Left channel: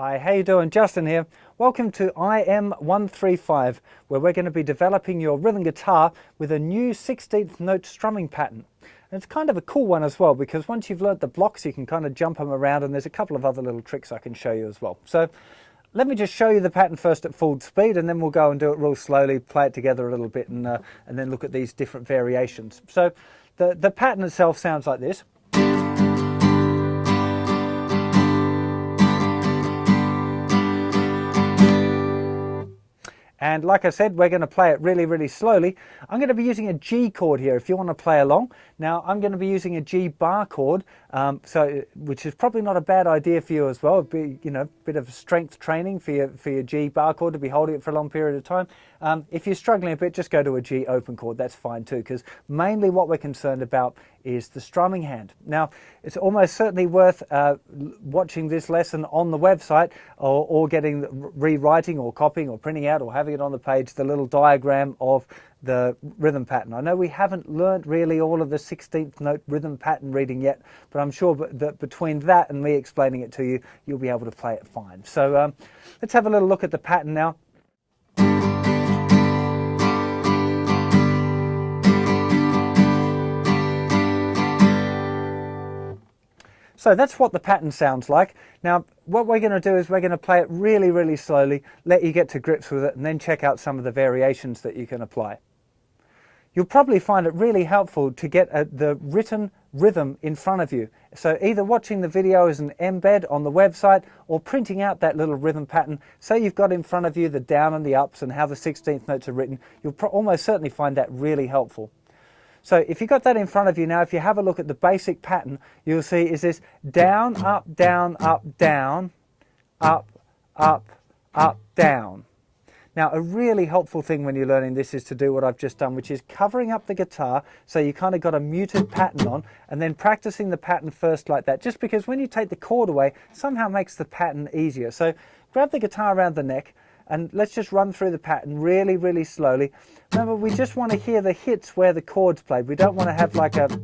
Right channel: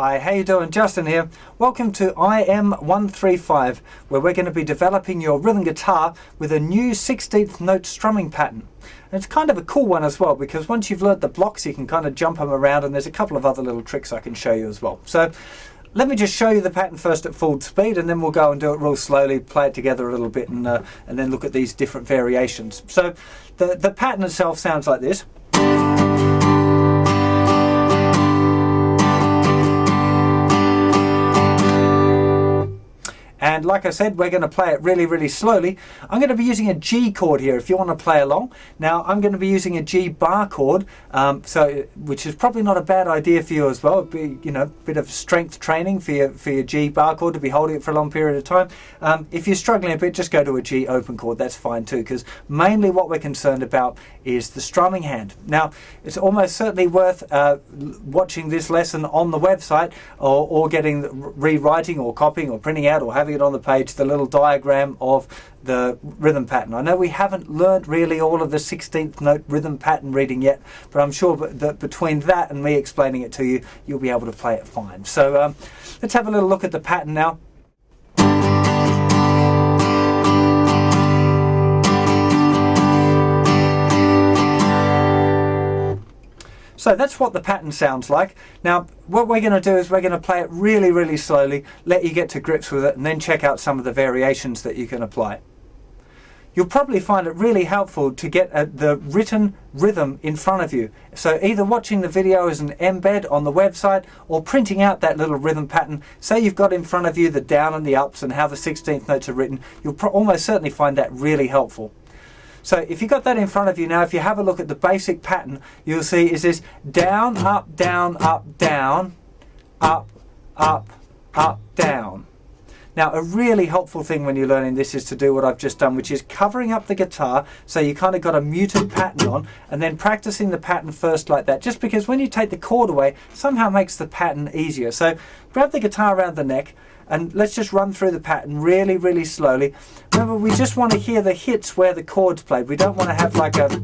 Hi, how you doing? Justin here. Welcome to IM-135, where we're going to be developing your rhythm guitar with a new 16th note strumming pattern. And it's kind of a cool one as well, because once you've learnt the blocks, you can kind of jump them around, and there's a couple of other little tricks I can show you as well. So let me just show you the pattern first at full speed, and then we'll go and do it real slowly, play it together a little bit, and then look at these different variations. So the pattern itself sounds like this. And like I said, we're going to play it really, really slowly. I'm going to be using a G chord here if you want to play along. Now, I'm going to be using a G bar chord, which is probably not a bad idea for you as well. It'd be, you know, a bit of strength training for your G bar chord to be holding it for a long period of time. If you're struggling a bit, just go to a G open chord. That's fine too, because mainly what we're concerned about is the strumming hand. Now, it's almost certainly worth watching this lesson on the website, or rewriting or copying or printing out or having it on the page, the little diagram of the rhythm pattern. I know we haven't learned really all of the 16th note rhythm pattern reading yet, but I'm sure that between that and me explaining it to you, you'll be able to play it fine. So let's have a little look at the pattern now. So that's what the pattern sounds like. Now, what we're going to do is we're going to play it really, really slowly, let you get to grips with it, and then check out some of the variations that you can apply. You'll probably find it really helpful to get the written rhythm in front of you. So either watching the video as an embed on the website, or printing out that little rhythm pattern. Say you've got in front of you the down and the ups and how the 16th notes are written. You'll almost certainly find that really helpful. So if you've got that in front of you now, if you have a look at the basic pattern, you'll see is this down, up, down, up, down, up, up, up, down. Now, a really helpful thing when you're learning this is to do what I've just done, which is covering up the guitar so you kind of got a muted pattern on, and then practicing the pattern first like that, just because when you take the chord away, somehow makes the pattern easier. So grab the guitar around the neck, and let's just run through the pattern really, really slowly. Remember, we just want to hear the hits where the chord's played. We don't want to have like a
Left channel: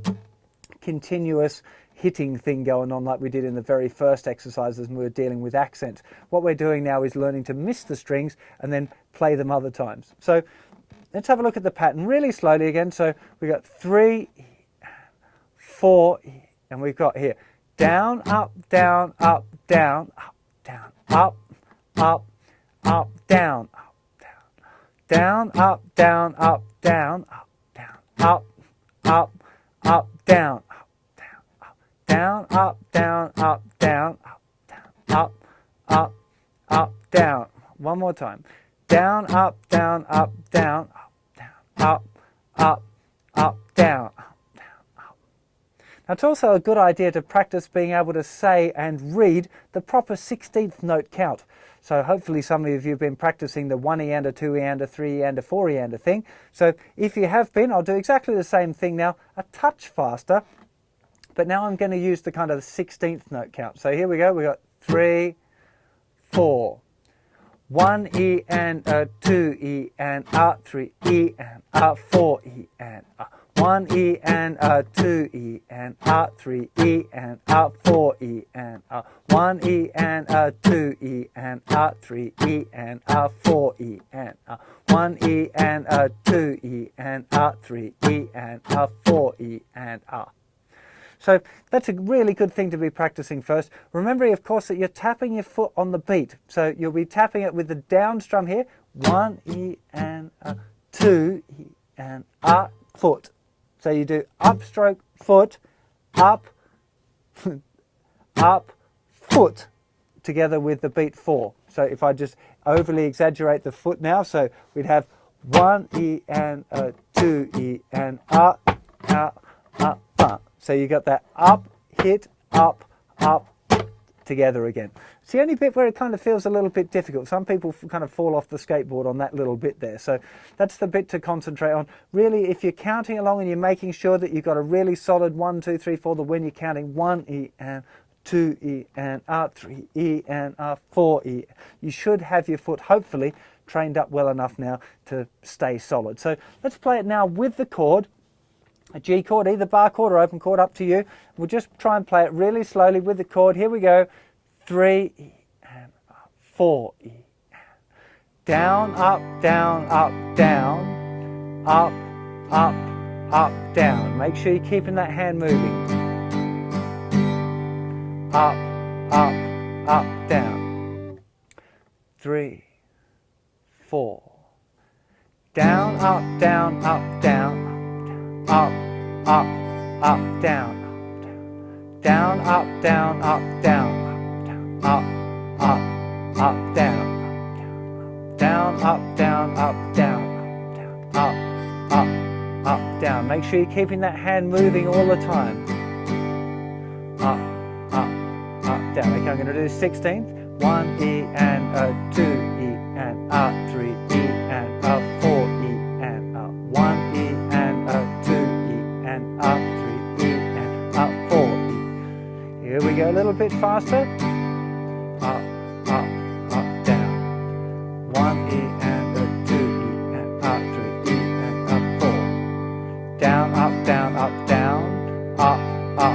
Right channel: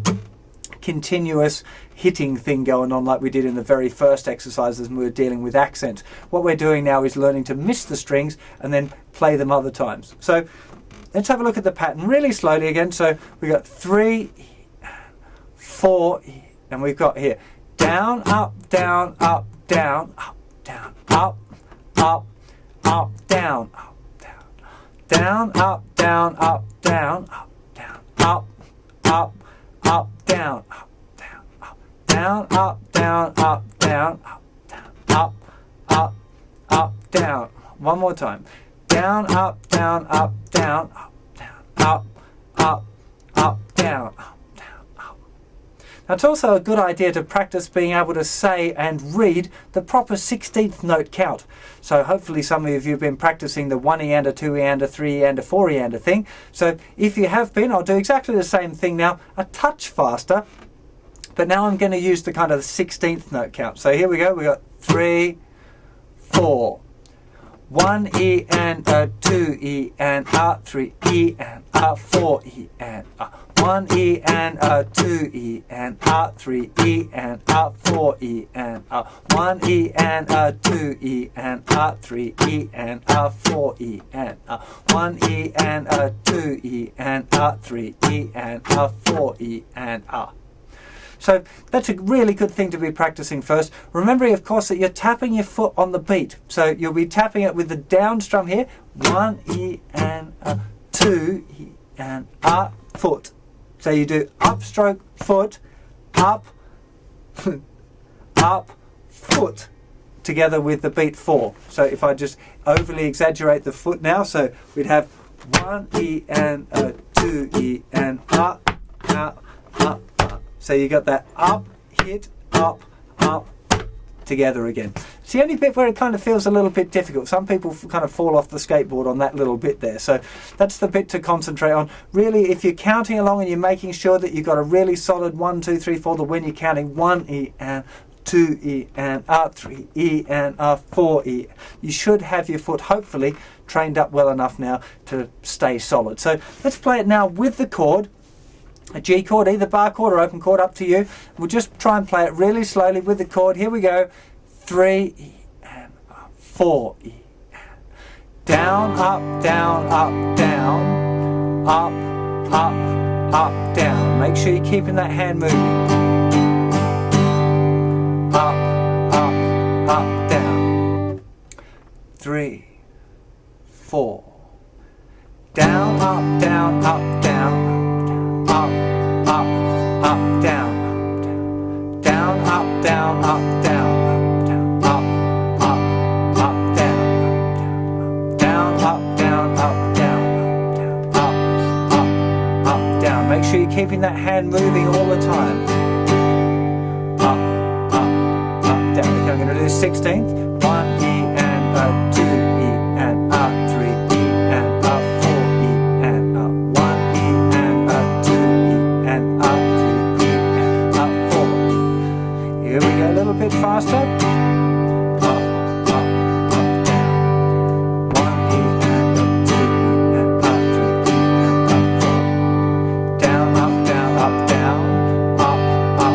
continuous hitting thing going on like we did in the very first exercises when we were dealing with accents. What we're doing now is learning to miss the strings and then play them other times. So let's have a look at the pattern really slowly again. So we got 3, 4, and we've got here down, up, down, up, down, up, down, up, up, up, down, down, up, down, up, down, up, down, up, up, up, down, up, down, up, down, up, down, up, down, up, up, up, down. One more time. Down, up, down, up, down, up, down, up, up, up, down, up, down, up. Now, it's also a good idea to practice being able to say and read the proper 16th note count. So hopefully some of you have been practicing the 1 eander, 2 eander, 3 eander, 4 eander thing. So if you have been, I'll do exactly the same thing now, a touch faster. But now I'm going to use the kind of 16th note count. So here we go. We got 3, 4. 1 E and a 2 E and a 3 E and a 4 E and a 1 E and a 2 E and a 3 E and a 4 E and a 1 E and a 2 E and a 3 E and a 4 E and a 1 E and a 2 E and a 3 E and a 4 E and a. So that's a really good thing to be practicing first. Remembering, of course, that you're tapping your foot on the beat. So you'll be tapping it with the down strum here. 1 E and a 2 E and a foot. So you do upstroke, foot, up, up, foot, together with the beat 4. So if I just overly exaggerate the foot now, so we'd have 1 E and a 2 E and up, up, up, up. So you got that up, hit, up, up, together again. It's the only bit where it kind of feels a little bit difficult. Some people kind of fall off the skateboard on that little bit there. So that's the bit to concentrate on. Really, if you're counting along and you're making sure that you've got a really solid 1, 2, 3, 4, the when you're counting 1 E and 2 E and a 3 E and a 4 E. You should have your foot hopefully trained up well enough now to stay solid. So let's play it now with the chord. A G chord, either bar chord or open chord, up to you. We'll just try and play it really slowly with the chord. Here we go. 3 E and 4 E. Down, up, down, up, down, up, up, up, down. Make sure you're keeping that hand moving. Up, up, down. 3, 4. Down, up, down, up, down, up, up, down, down, up, down, up, down, up, up, down, down, up, down, up, down, up, down. Make sure you're keeping that hand moving all the time. Up, down. Okay, I'm going to do the 16th. 1 E and a 2 E and a 3 E and a 4 E and a 1 E and a 2 E and a 3 E and a 4 E. Here we go, a little bit faster. Up, down. 1 E and a 2 E and a 3 E and a 4. Down, up, down, up, down, up,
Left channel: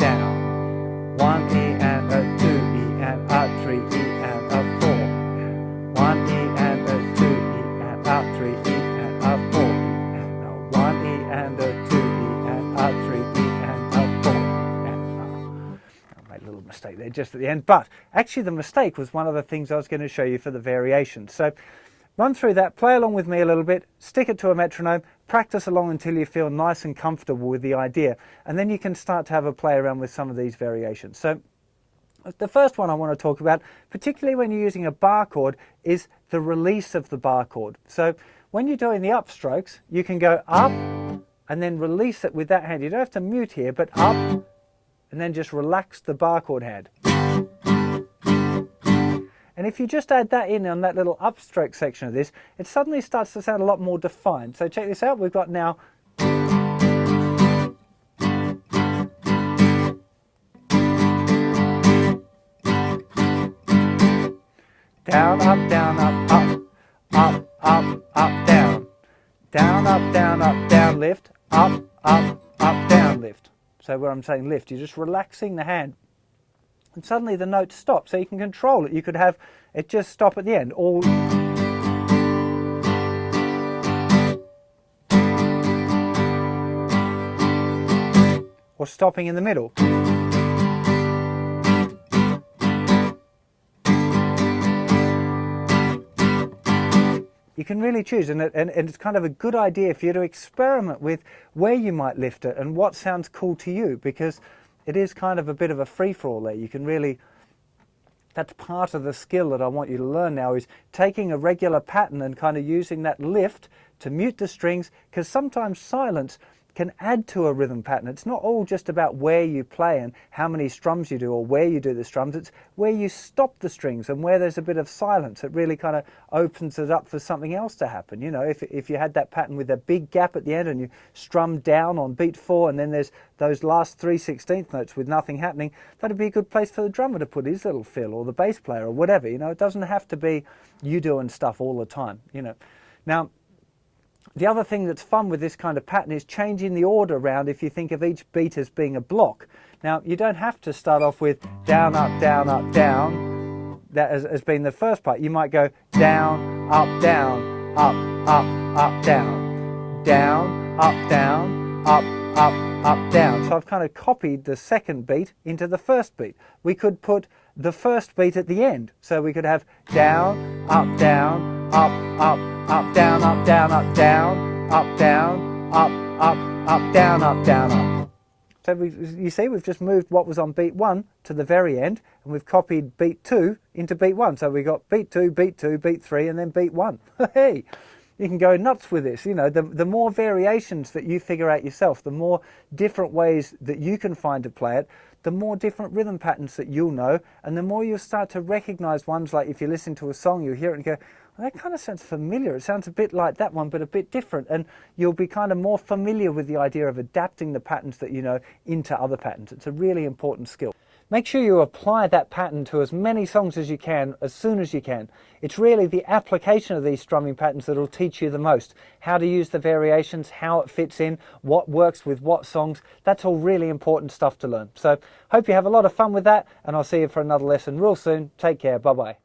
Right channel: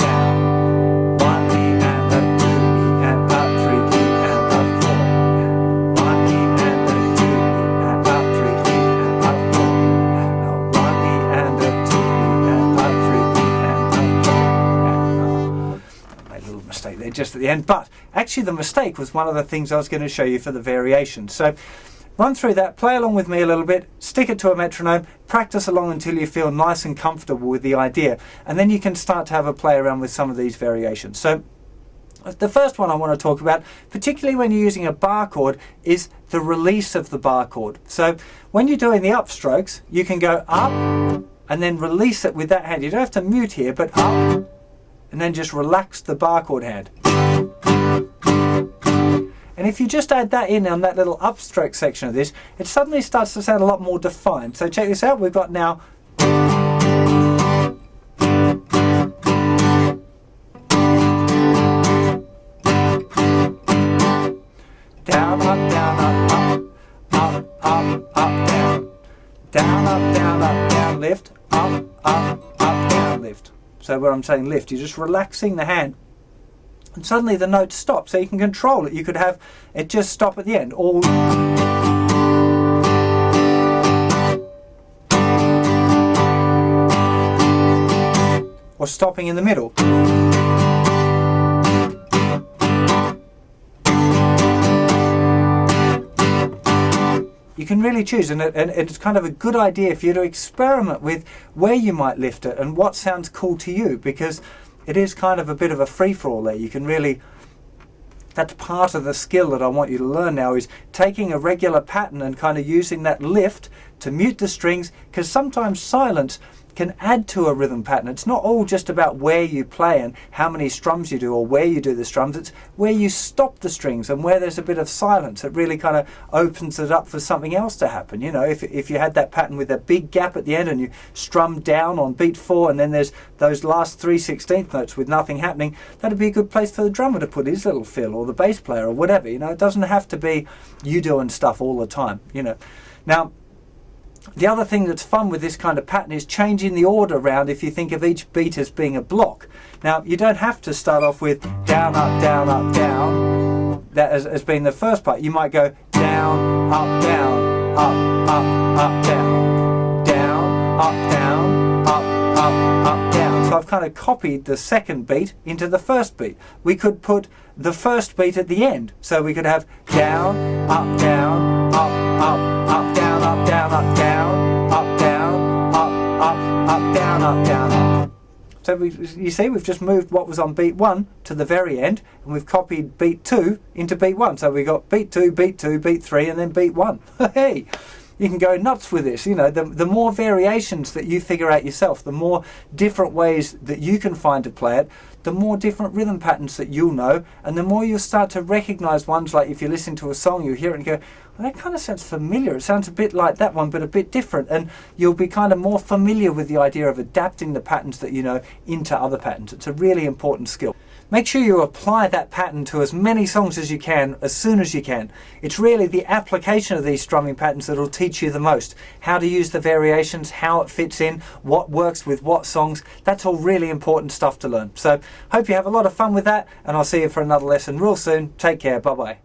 down. 1 E and a 2 E and a 3 E and a 4. 1 E and a 2 E and a 3 E and a 4. And a 1 E and a 2 E and a 3 E and a 4. And I made a little mistake there just at the end, but actually the mistake was one of the things I was going to show you for the variation. So run through that, play along with me a little bit, stick it to a metronome, practice along until you feel nice and comfortable with the idea, and then you can start to have a play around with some of these variations. So the first one I want to talk about, particularly when you're using a bar chord, is the release of the bar chord. So when you're doing the upstrokes, you can go up and then release it with that hand. You don't have to mute here, but up and then just relax the bar chord hand. And if you just add that in on that little upstroke section of this, it suddenly starts to sound a lot more defined. So check this out, we've got now down, up, down, up, up, up, up, up, down. Down, up, down, up, down, lift, up, down, lift. So where I'm saying lift, you're just relaxing the hand. And suddenly the notes stop, so you can control it. You could have it just stop at the end, or stopping in the middle. You can really choose, and it's kind of a good idea for you to experiment with where you might lift it and what sounds cool to you, because it is kind of a bit of a free-for-all there. You can really, that's part of the skill that I want you to learn now, is taking a regular pattern and kind of using that lift to mute the strings, because sometimes silence can add to a rhythm pattern. It's not all just about where you play and how many strums you do or where you do the strums. It's where you stop the strings and where there's a bit of silence. It really kind of opens it up for something else to happen. You know, if you had that pattern with a big gap at the end and you strum down on beat 4 and then there's those last 3 16th notes with nothing happening, that'd be a good place for the drummer to put his little fill, or the bass player, or whatever. You know, it doesn't have to be you doing stuff all the time, you know. Now, the other thing that's fun with this kind of pattern is changing the order around if you think of each beat as being a block. Now, you don't have to start off with down, up, down, that as being the first part. You might go down, up, down, up, down, down, up, down, up, down. So I've kind of copied the second beat into the first beat. We could put the first beat at the end. So we could have down, up, down, up, down, up, down, up, down, up, down, up, down, up, down, up. So you see, we've just moved what was on beat 1 to the very end, and we've copied beat 2 into beat 1. So we got beat 2, beat 2, beat 3, and then beat 1. Hey, you can go nuts with this. You know, the more variations that you figure out yourself, the more different ways that you can find to play it, the more different rhythm patterns that you'll know, and the more you'll start to recognize ones. Like if you listen to a song, you hear it and go, well, that kind of sounds familiar. It sounds a bit like that one, but a bit different. And you'll be kind of more familiar with the idea of adapting the patterns that you know into other patterns. It's a really important skill. Make sure you apply that pattern to as many songs as you can, as soon as you can. It's really the application of these strumming patterns that will teach you the most. How to use the variations, how it fits in, what works with what songs. That's all really important stuff to learn. So hope you have a lot of fun with that, and I'll see you for another lesson real soon. Take care. Bye-bye.